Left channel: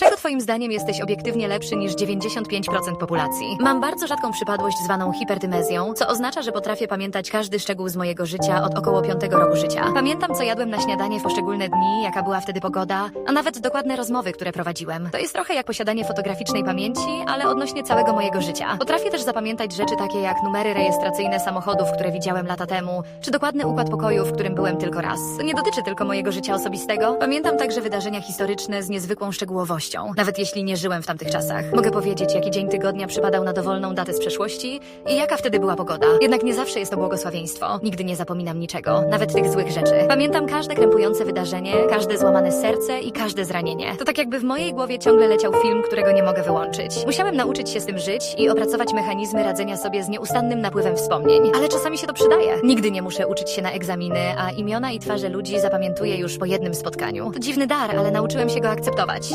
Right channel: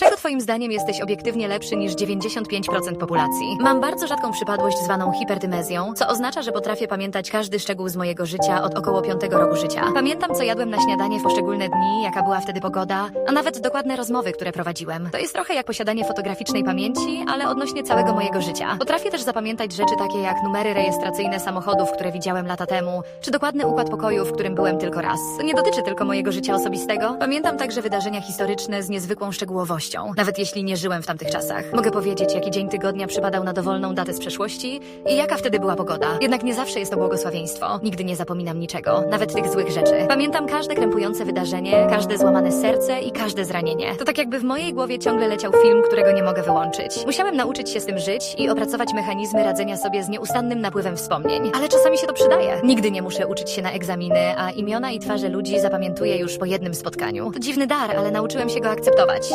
Czego twoim zdaniem jesteś obiektywnie lepszy niż 95% populacji? Mam bardzo rzadką przypadłość zwaną hiperdymezją, co oznacza, że potrafię pamiętać każdy szczegół z mojego życia od około piątego roku życia. Pamiętam, co jadłem na śniadanie w poszczególne dni, jaka była wtedy pogoda, a nawet dokładne rozmowy, które prowadziłem. To jest trochę jak posiadanie fotograficznej pamięci, ale odnośnie całego mojego życia. Potrafię też zapamiętać rzeczy takie jak numery rejestracyjne samochodów, które widziałem lata temu, czy dokładny układ pokoju, w którym byłem tylko raz. To nie dotyczy tylko mojego życia osobistego. Pamiętam także wydarzenia historyczne z niezwykłą szczegółowością, nawet jeśli nie żyłem w tamtych czasach. Mogę powiedzieć, jaki dzień tygodnia przypadał na dowolną datę z przeszłości i jaka wtedy była pogoda. Jednak nie zawsze jest to błogosławieństwo. Nigdy nie zapominam niczego, nawet tych złych rzeczy. Pamiętam każde krępujące wydarzenie, każde złamane serce i każde zranienie. To tak jakby w mojej głowie ciągle leciał film, którego nie mogę wyłączyć. Musiałem nauczyć się z tym żyć i opracować mechanizmy radzenia sobie z nieustannym napływem wspomnień. Ale czasami się to przydaje. Nigdy nie muszę uczyć się na egzaminy, a imiona i twarze ludzi zapamiętuję już po jednym spotkaniu. To dziwny dar, ale nauczyłem się go akceptować.